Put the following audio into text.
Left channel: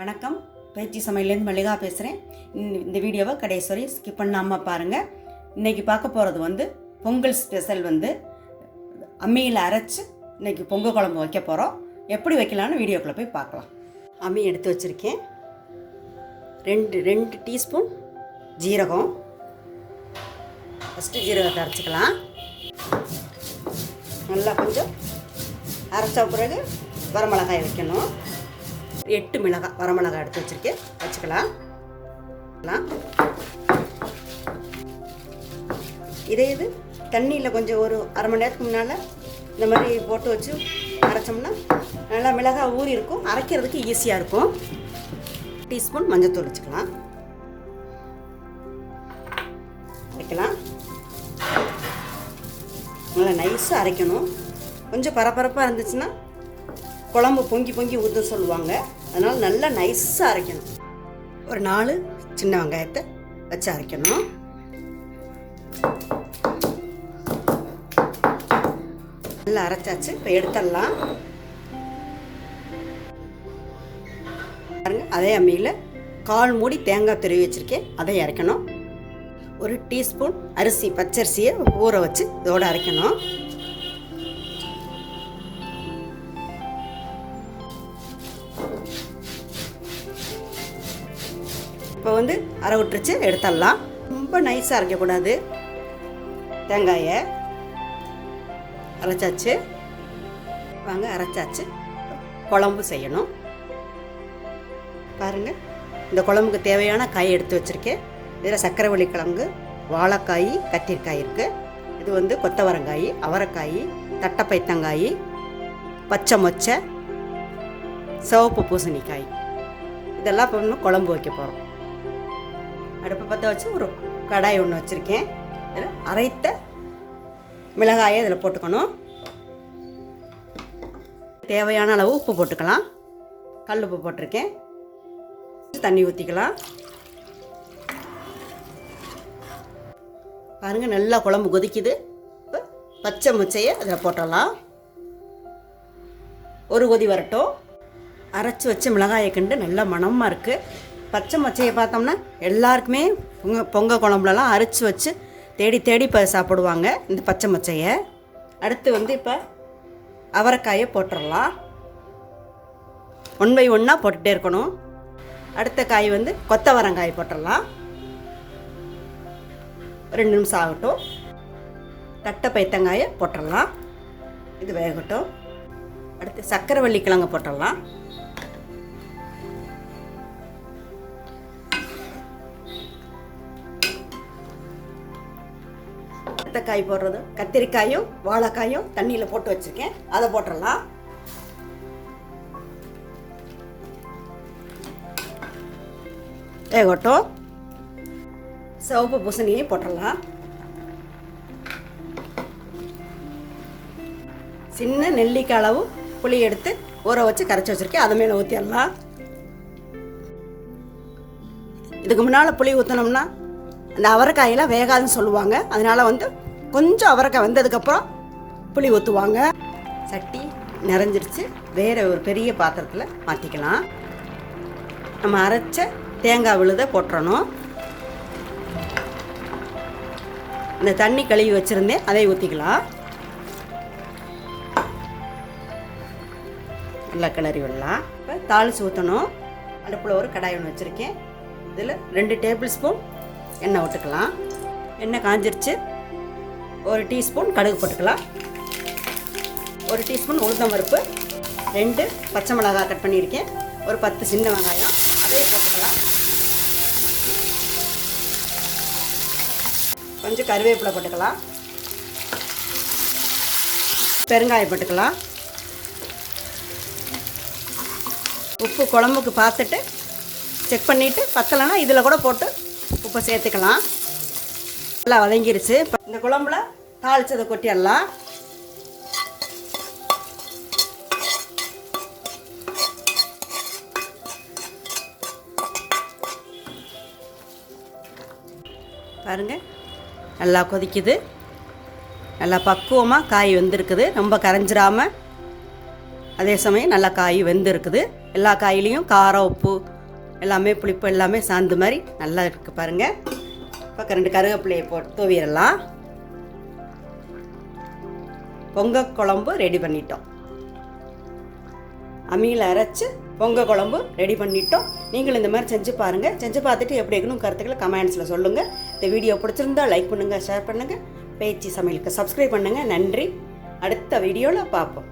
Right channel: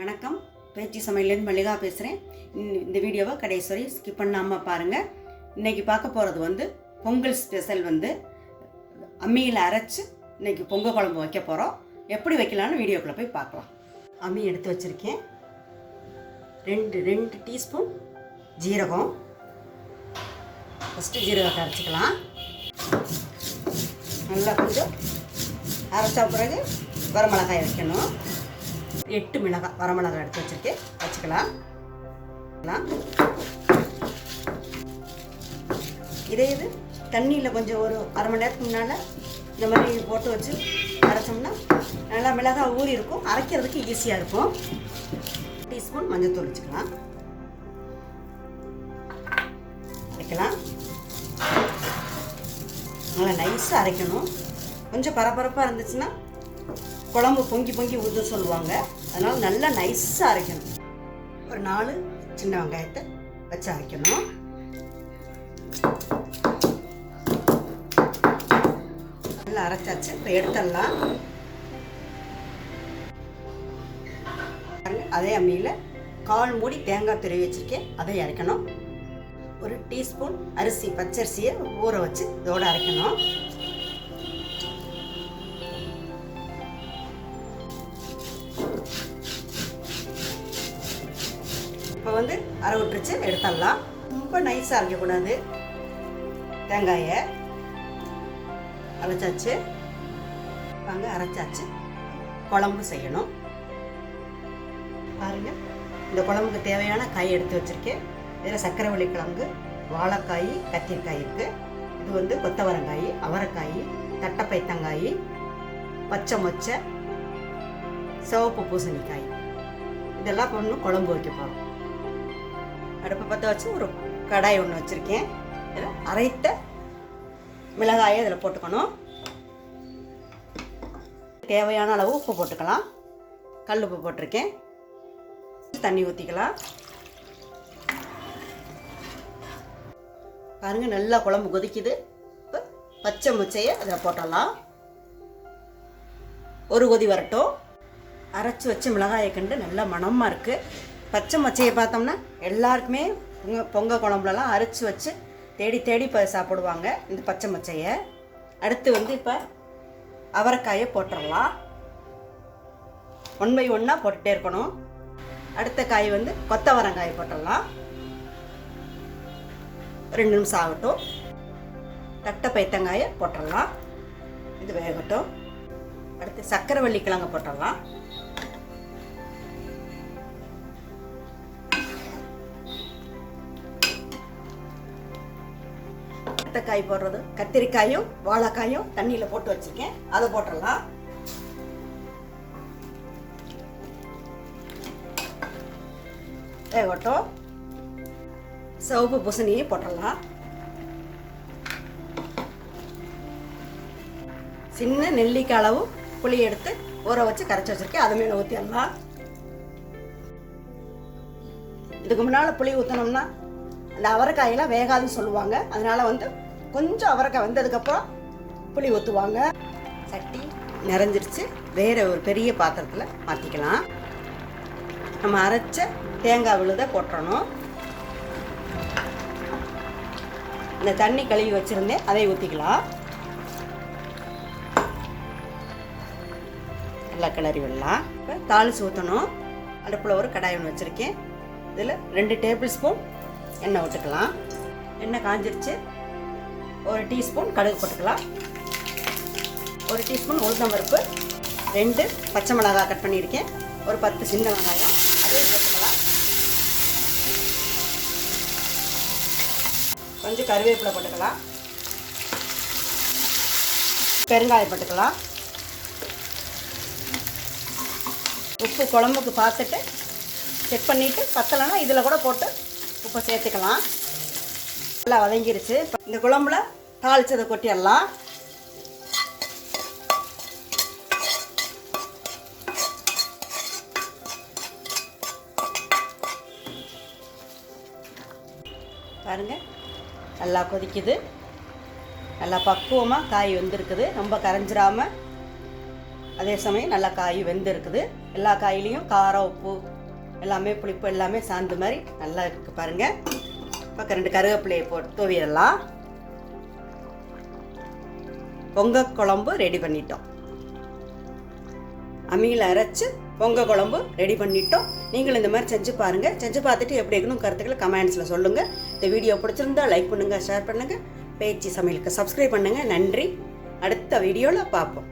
வணக்கம். பேச்சு சமையலேருந்து மல்லிகா பேசுகிறேன். இந்த வீடியோவை கடைசி வரை ஸ்கிப் பண்ணாமல் பாருங்கள். இன்றைக்கி பார்க்க போகிறது பொங்கல் ஸ்பெஷல் அம்மியில் அரைச்சி இன்றைக்கி பொங்கல் குழம்பு வைக்க போகிறோம். எப்படி வைக்கலான்னு வீடியோக்குள்ளே போய் பார்க்கலாம். அம்மி எடுத்து வச்சுருக்கேன். ரெண்டு டீஸ்பூன் ஜீரகம். ஃபஸ்ட்டு ஜீரகத்தை அரைச்சிக்கலாம். நல்லா கொஞ்சம் அரைச்ச பிறகு வரமிளகாய் வைக்கணும். 8 மிளகாய் வரமிளகாய் எடுத்து வச்சுருக்கேன், வச்சுக்கலாம். இது தண்ணியில் கொஞ்சம் ஒரு அரை மணி நேரத்துக்கு முன்னால் இந்த மாதிரி போட்டு வச்சு அரைச்சோம்னா நல்லா மிளகாய் ஊறி இருக்கும், அரைக்கிறதுக்கு ஈஸியாக இருக்கும். டீஸ்பூன் மஞ்சள் வச்சுக்கலாம். வைக்கலாம். நல்லா நைஸாக அரைக்கணும். கொஞ்சம் பரபரப்பாக இருந்துச்சுன்னா குழம்பு பொங்கி ஊற்ற சொல்லுவாங்க. அதனால் நல்லா நைஸாக அரைக்கணும். ஒரு 4 சின்ன வெங்காயத்தை வச்சு அரைக்கணும். நல்லா அரைச்சாச்சு. இப்போ எடுத்துடலாம். அதே அம்மியில் 1/4 மூடி தேங்காய் துருவி வச்சுருக்கேன், அதை அரைக்கணும். ஒரு டீஸ்பூன் அரிசி பச்சரிசியை ஊற வச்சு இதோடு அரைக்கணும். இப்போ அரை விட்டுருச்சு, எடுத்துடலாம். ரொம்ப நைஸாக அரைக்கக்கூடாது. தேங்காயை அரைச்சாச்சு. வாங்க, அரைச்சாச்சு. குழம்பு செய்யணும். பாருங்கள், இந்த குழம்புக்கு தேவையான காய் எடுத்து வச்சுருக்கேன். இதில் சக்கரவள்ளி கிழங்கு, வாழைக்காய், கத்திரிக்காய் இருக்குது. இது கொத்தவரங்காய், அவரைக்காய், தட்டைப்பைத்தங்காய், பச்சை மொச்சை, சிவப்பு பூசணிக்காய். இதெல்லாம் இப்போ இன்னும் குழம்பு வைக்க போகிறோம். அடுப்பை பற்ற வச்சு ஒரு கடாய் ஒன்று வச்சுருக்கேன். இதில் அரைத்த மிளகாயை இதில் போட்டுக்கணும். தேவையான அளவு உப்பு போட்டுக்கலாம். கல் உப்பு போட்டிருக்கேன். தண்ணி ஊற்றிக்கலாம். பாருங்கள், நல்லா குழம்பு கொதிக்குது. இப்போ பச்சை முச்சையை அதில் போட்டலாம். ஒரு கொதி வரட்டும். அரைச்சி வச்சு மிளகாயை கண்டு நல்லா மணமாக இருக்குது. பச்சை மச்சையை பார்த்தோம்னா எல்லாருக்குமே பொங்கல் குழம்புலலாம் அரைச்சி வச்சு தேடி இப்போ சாப்பிடுவாங்க இந்த பச்சை மச்சையை. அடுத்து இப்போ அவரைக்காயை போட்டுடலாம். 1 by 1 போட்டுகிட்டே இருக்கணும். அடுத்த காய் கொத்தவரங்காய் போட்டுடலாம். 2 நிமிஷம் ஆகட்டும். தட்டைப்பைத்தங்காயை போட்டுடலாம். இது வேகட்டும். அடுத்து சக்கரவள்ளி கிழங்கு போட்டுடலாம். காய் போடுறது கத்திரிக்காயும் வாழைக்காயும் தண்ணியில் போட்டு வச்சுருக்கேன், அதை போட்டுடலாம். வேகட்டும். சிவப்பு பூசணியை போட்டுடலாம். சின்ன நெல்லிக்காய் அளவு புளி எடுத்து ஊற வச்சு கரைச்சி வச்சுருக்கேன், அது மேலே ஊற்றிடலாம். இதுக்கு முன்னால் புளி ஊற்றினோம்னா இந்த அவரைக்காயெல்லாம் வேகாதுன்னு சொல்லுவாங்க. அதனால் கொஞ்சம் அவரைக்காய் வந்ததுக்கப்புறம் புளி ஊற்றுவாங்க. சட்டி நிறைஞ்சிருச்சு. வேறு ஒரு பெரிய பாத்திரத்தில் மாற்றிக்கலாம். நம்ம அரைச்ச தேங்காய் விழுதை போட்டுறணும். இந்த தண்ணி கழுவி வச்சுருந்தேன், அதை ஊற்றிக்கலாம். நல்லா கிளறி விடலாம். இப்போ தாளித்து ஊற்றணும். அடுப்பில் ஒரு கடாய் ஒன்று வச்சுருக்கேன். இதில் 2 டேபிள் ஸ்பூன் எண்ணெய் விட்டுக்கலாம். எண்ணெய் காஞ்சிருச்சு. ஒரு டீஸ்பூன் கடுகு போட்டுக்கலாம். ஒரு டீஸ்பூன் உளுந்தம்பருப்பு, 2 பச்சை மிளகாய் கட் பண்ணியிருக்கேன், ஒரு 10 சின்ன வெங்காயம், அதே போட்டுக்கலாம். கொஞ்சம் கருவேப்பிலை போட்டுக்கலாம். பெருங்காயம் போட்டுக்கலாம். உப்பு குழம்புக்கு பார்த்துட்டு செக் பண்ணிவிட்டு பத்தலைன்னா இதில் கூட போட்டு உப்பை சேர்த்துக்கலாம். நல்லா வதங்கிருச்சு. இப்போ இந்த குழம்புல தாளிச்சதை கொட்டிடலாம். பாருங்கள், நல்லா கொதிக்குது. நல்லா பக்குவமாக காய் வெந்திருக்குது. ரொம்ப கரைஞ்சிராமல், அதே சமயம் நல்லா காய் வெந்திருக்குது. எல்லா காயிலையும் காரம் உப்பு எல்லாமே புளிப்பு எல்லாமே சார்ந்த மாதிரி நல்லா இருக்குது பாருங்கள். பக்கம் 2 கருவேப்பிலையை போட்டு தூவிடலாம். பொங்கல் குழம்பு ரெடி பண்ணிட்டோம். அம்மியில் அரைச்சி பொங்கல் குழம்பு ரெடி பண்ணிட்டோம். நீங்களும் இந்த மாதிரி செஞ்சு பாருங்கள். செஞ்சு பார்த்துட்டு எப்படி இருக்கணும் கருத்துக்களை கமெண்ட்ஸில் சொல்லுங்கள். இந்த வீடியோ பிடிச்சிருந்தா லைக் பண்ணுங்கள், ஷேர் பண்ணுங்கள், பேச்சு சமையலுக்கு சப்ஸ்கிரைப் பண்ணுங்கள். நன்றி. அடுத்த வீடியோவில் பார்ப்போம்.